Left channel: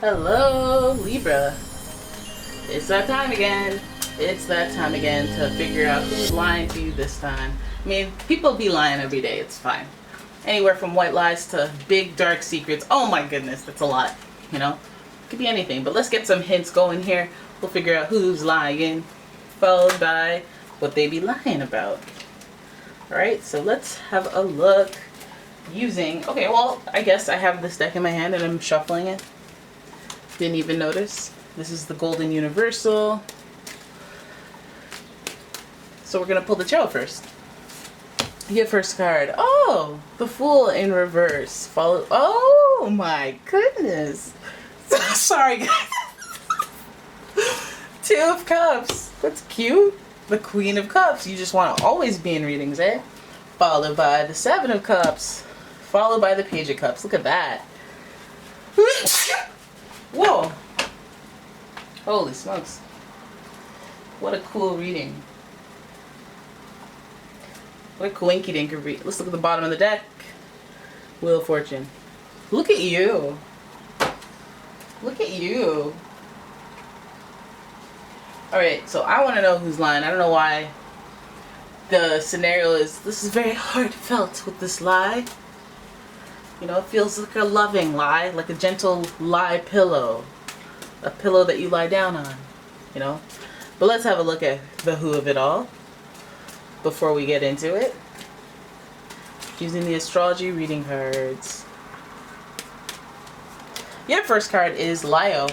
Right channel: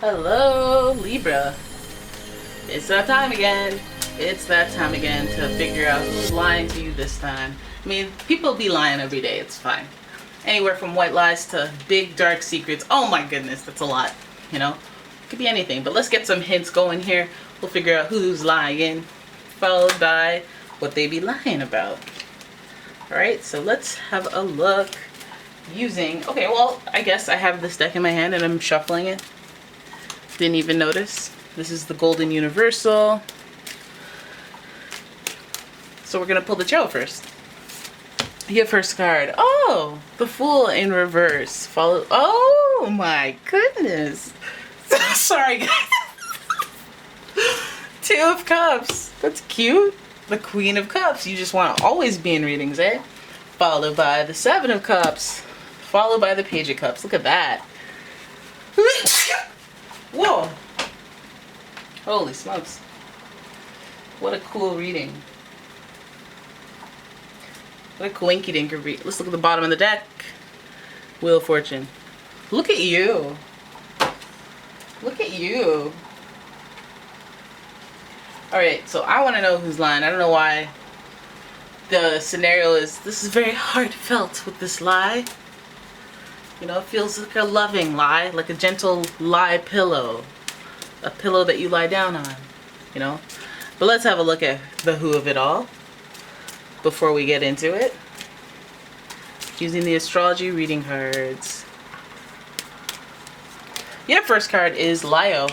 Hello, Libra. It's that time again. It's that time again to figure out who's lying to you this time. I mean, people be lying every day. It's fine. Anywhere from white lies to big dark secrets. Oh my goodness, that's a lot. You know, it could be anything. But let's get some hints going here. We'll figure out who's lying, followed by what they be lying about. All right, so let's have a look using. Okay, well, I guess I have this deck in my hand and I'm shuffling it. Didn't even notice. This is the Golden Universal. So we're gonna pull the Tarot first. Your first card. Oh, the Fool in reverse. Follow. Oh my goodness. Sorry, guys. Two of Cups. That's cute. The Queen of Cups. You just want to always be in readings, eh? Followed by the Seven of Cups. Followed by the Page of Cups. Look at that. Whoa. Holy smokes. What a cool reading. What a coinky dinker read. Let's look at the bottom of the deck. Wheel of Fortune. Look at you. Look at you. Alright, so I want to know who's lying. I don't know why the scenario is, this is very heartfelt with this lie. You know, it feels like a loving lie, like a gentle lie pillow. A pillow that you lie down on, you know. But let's have a look at the who of it all before we get into it. Using the astrology reading cards. Your first card is Leo.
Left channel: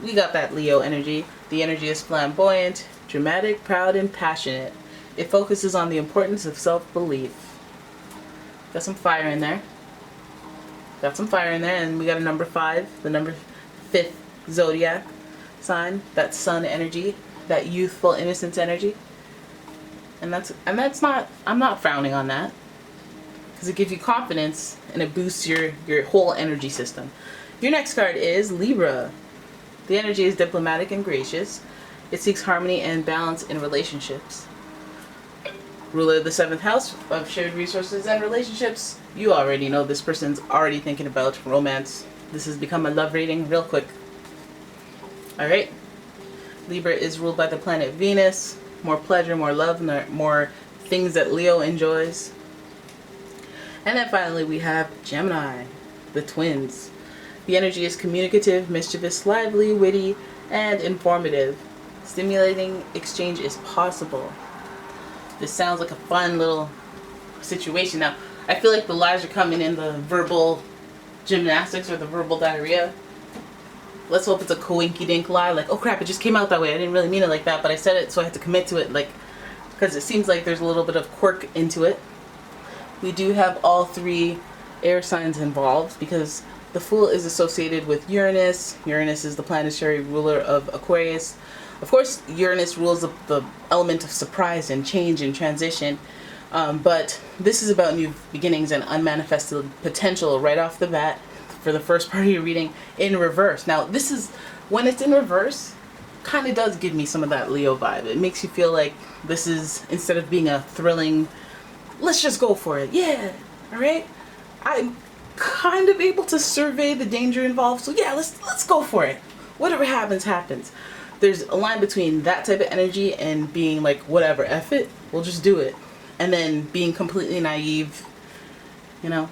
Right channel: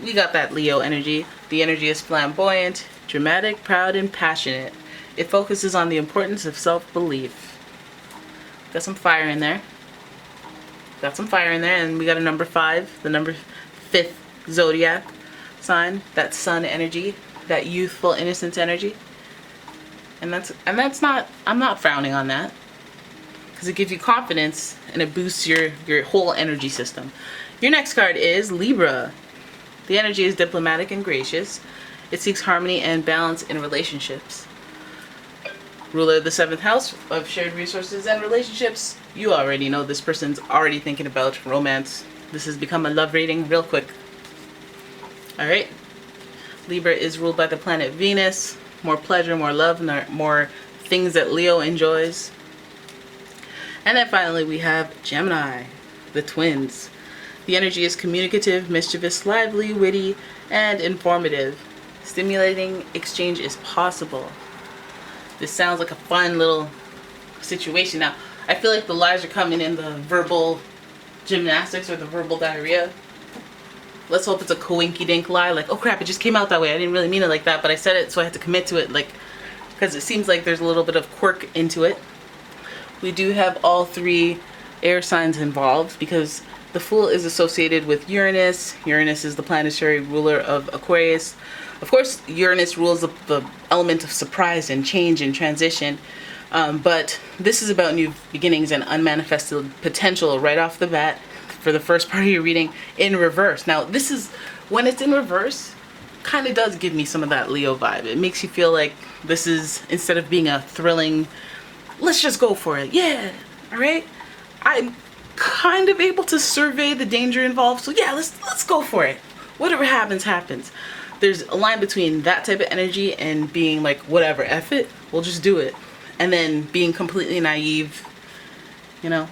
We got that Leo energy. The energy is flamboyant, dramatic, proud, and passionate. It focuses on the importance of self-belief. Got some fire in there. Got some fire in there, and we got a number 5, the number 5th zodiac sign, that sun energy, that youthful innocence energy. And that's not, I'm not frowning on that, because it gives you confidence and it boosts your whole energy system. Your next card is Libra. The energy is diplomatic and gracious. It seeks harmony and balance in relationships. Ruler of the 7th house of shared resources and relationships. You already know this person's already thinking about romance. This has become a love reading real quick. Alright. Libra is ruled by the planet Venus. More pleasure, more love, more things that Leo enjoys. And then finally we have Gemini, the twins. The energy is communicative, mischievous, lively, witty, and informative. Stimulating exchange is possible. This sounds like a fun little situation. Now, I feel like the lies are coming in the verbal gymnastics or the verbal diarrhea. Let's hope it's a coinky-dink lie, like, oh crap, it just came out that way. I didn't really mean it like that, but I said it, so I had to commit to it, like, because it seems like there's a little bit of quirk into it. We do have all 3 air signs involved, because the Fool is associated with Uranus. Uranus is the planetary ruler of Aquarius. Of course, Uranus rules the element of surprise and change and transition. But this is about new beginnings and unmanifested potential right off the bat for the first part of your reading in reverse. Now, this is, when it's in reverse, kind of does give me some of that Leo vibe. It makes you feel like this is, instead of being a thrilling, let's just go for it. Yeah, all right? I'm kind of able to survey the danger involved. So yeah, let's go for it. Whatever happens, happens. There's a line between that type of energy and being like, whatever, F it, we'll just do it. And then being completely naive, you know,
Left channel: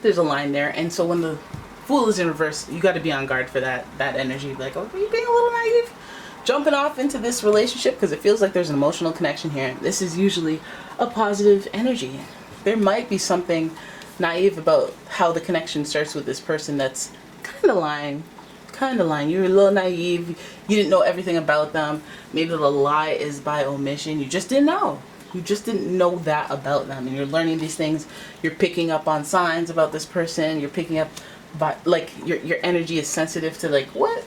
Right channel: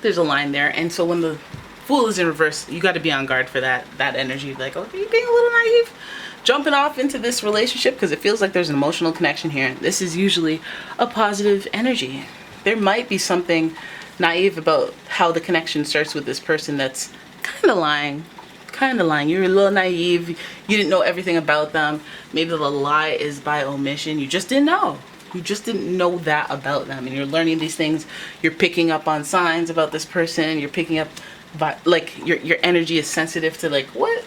there's a line there. And so when the Fool is in reverse, you got to be on guard for that energy. Like, oh, are you being a little naive? Jumping off into this relationship because it feels like there's an emotional connection here. This is usually a positive energy. There might be something naive about how the connection starts with this person that's kind of lying. You're a little naive. You didn't know everything about them. Maybe the lie is by omission. You just didn't know. You just didn't know that about them. And you're learning these things. You're picking up on signs about this person. You're picking up, like, your energy is sensitive to, like, what?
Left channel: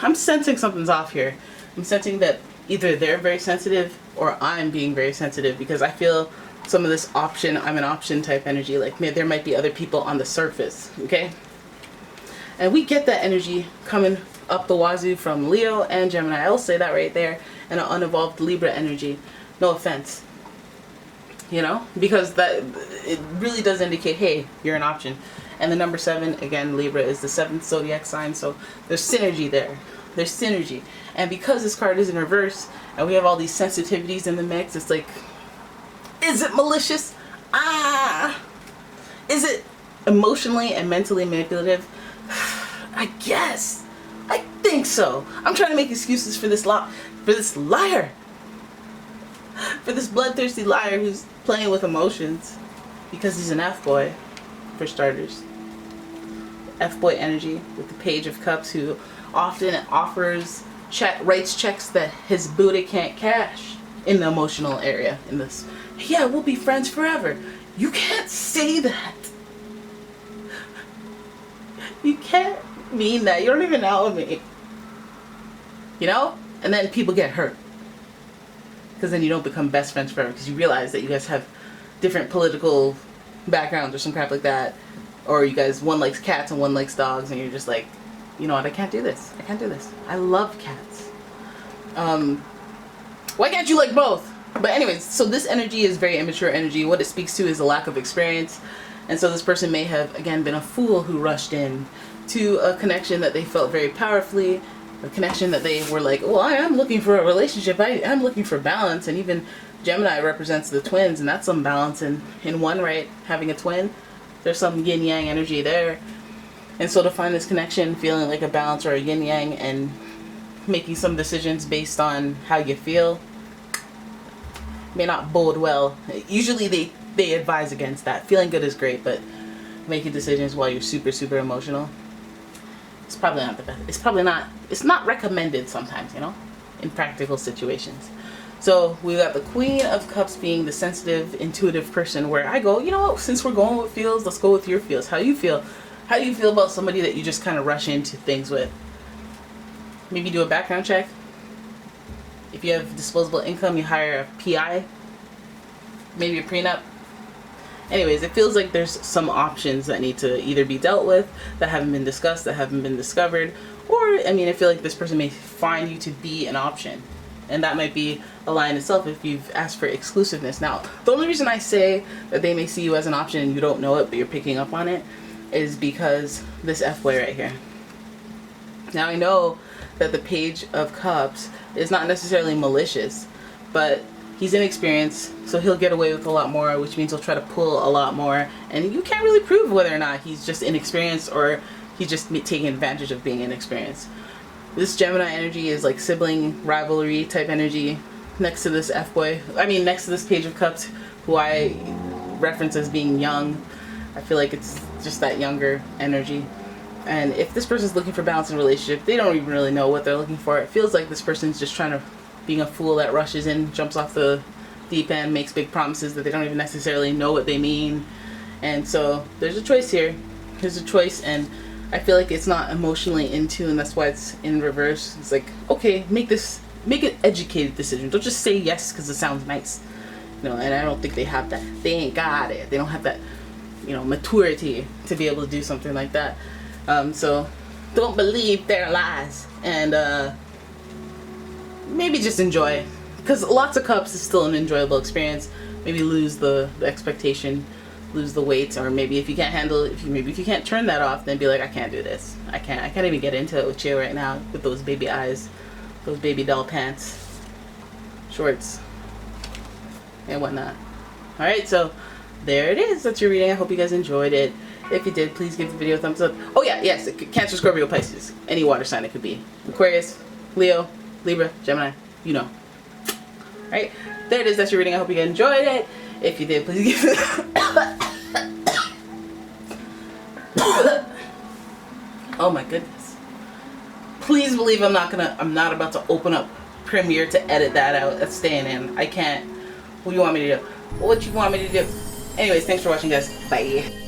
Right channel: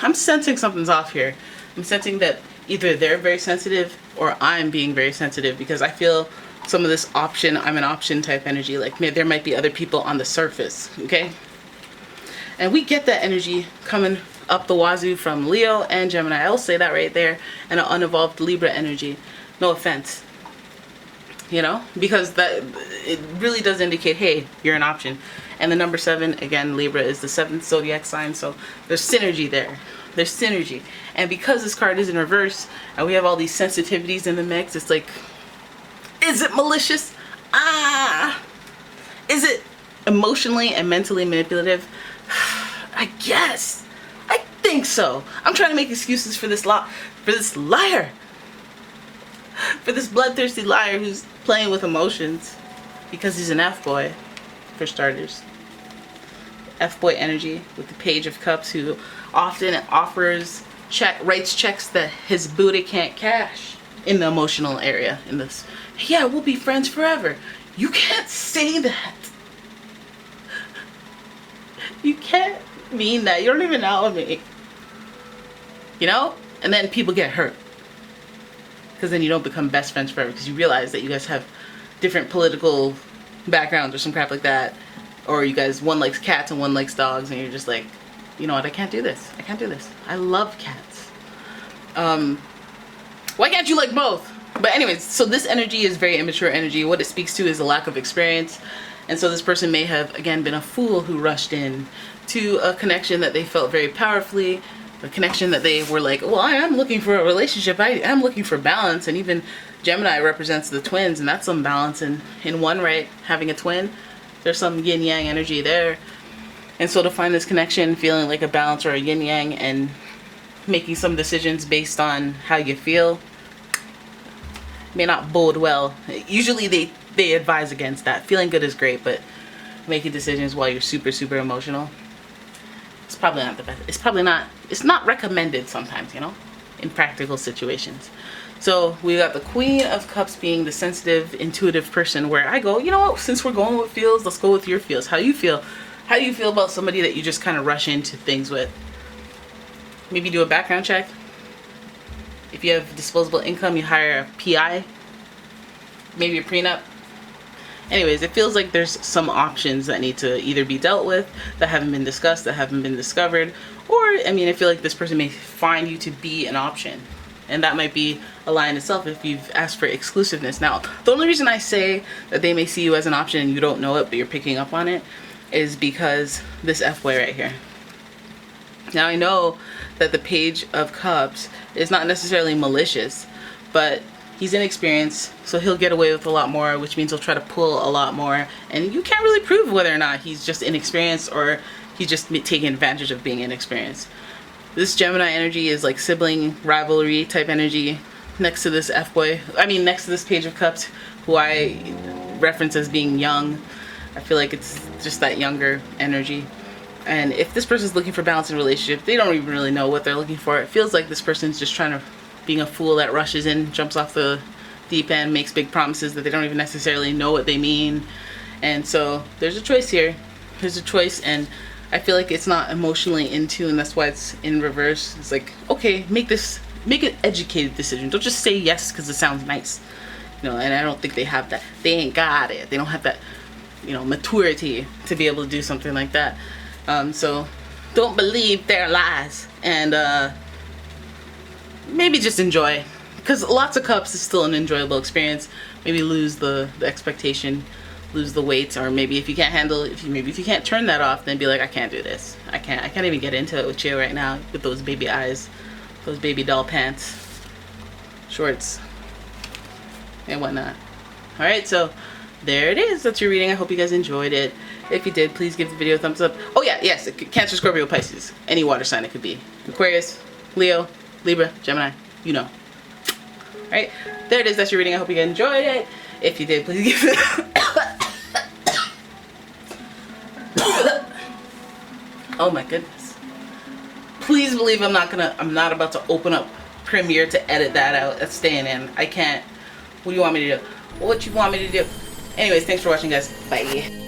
I'm sensing something's off here. I'm sensing that either they're very sensitive or I'm being very sensitive, because I feel some of this option, I'm an option type energy. Like, there might be other people on the surface, okay? And we get that energy coming up the wazoo from Leo and Gemini. I'll say that right there. And an unevolved Libra energy. No offense. You know? Because that, it really does indicate, hey, you're an option. And the number 7, again, Libra is the 7th zodiac sign, so there's synergy there. There's synergy. And because this card is in reverse, and we have all these sensitivities in the mix, it's like, is it malicious? Is it emotionally and mentally manipulative? I guess. I think so. I'm trying to make excuses for this liar. For this bloodthirsty liar who's playing with emotions. Because he's an F-boy, for starters. F-boy energy with the Page of Cups, who often writes checks that his booty can't cash in the emotional area. In this, yeah, we'll be friends forever. You can't say that. You can't mean that. You don't even know me. You know? And then people get hurt. Because then you don't become best friends forever, because you realize that you guys have different political backgrounds or some crap like that. Or you guys, one likes cats and one likes dogs, and you're just like, you know what, I can't do this. I can't do this. I love cats. Why can't you like both? But anyways, so this energy is very immature energy. What it speaks to is a lack of experience. And so this person may have, again, been a fool who rushed in to a connection that they felt very powerfully, a connection that they were like, well, I am looking for a relationship. I am looking for balance. And even Gemini represents the twins, and that's some balance in one, right? Having a twin, there's some yin-yang energy there. And so to find this connection, feeling like a balance or a yin-yang, and making some decisions based on how you feel, may not bode well. Usually they advise against that. Feeling good is great, but making decisions while you're super, super emotional, it's probably not the best. It's not recommended sometimes, you know, in practical situations. So we got the Queen of Cups being the sensitive, intuitive person, where I go, you know what, since we're going with feels, let's go with your feels. How you feel? How do you feel about somebody that you just kind of rush into things with? Maybe do a background check. If you have disposable income, you hire a PI. Maybe a prenup. Anyways, it feels like there's some options that need to either be dealt with, that haven't been discussed, that haven't been discovered. Or, I mean, I feel like this person may find you to be an option. And that might be a lie in itself if you've asked for exclusiveness. Now, the only reason I say that they may see you as an option and you don't know it, but you're picking up on it, is because this F-boy right here. Now, I know that the Page of Cups is not necessarily malicious, but he's inexperienced, so he'll get away with a lot more, which means he'll try to pull a lot more, and you can't really prove whether or not he's just inexperienced or he's just taking advantage of being inexperienced. This Gemini energy is like sibling rivalry type energy next to this F-boy. I mean, next to this Page of Cups, who I reference as being young. I feel like it's just that younger energy. And if this person's looking for balance in a relationship, they don't even really know what they're looking for. It feels like this person's just being a fool that rushes in, jumps off the deep end, makes big promises that they don't even necessarily know what they mean. And so there's a choice here. There's a choice, and I feel like it's not emotionally in tune. That's why it's in reverse. It's like, okay, make an educated decision. Don't just say yes because it sounds nice. You know, and I don't think they have that. They ain't got it. They don't have that, you know, maturity to be able to do something like that. So don't believe their lies, and maybe just enjoy, because lots of cups is still an enjoyable experience. Maybe lose the expectation, lose the weight, or maybe if you can't handle it, if you can't turn that off, then be like, I can't do this. I can't even get into it with you right now with those baby eyes, those baby doll pants, shorts, and whatnot. All right, so there it is. That's your reading. I hope you guys enjoyed it. If you did, please give the video a thumbs up. Oh yeah, yes, Cancer, Scorpio, Pisces. Any water sign it could be. Aquarius, Leo, Libra, Gemini, you know. Alright, there it is. That's your reading. I hope you guys enjoyed it. If you did, please give it... Oh my goodness. Please believe I'm not about to open up Premiere to edit that out. That's staying in. I can't. What do you want me to do? What you want me to do? Anyways, thanks for watching, guys. Bye.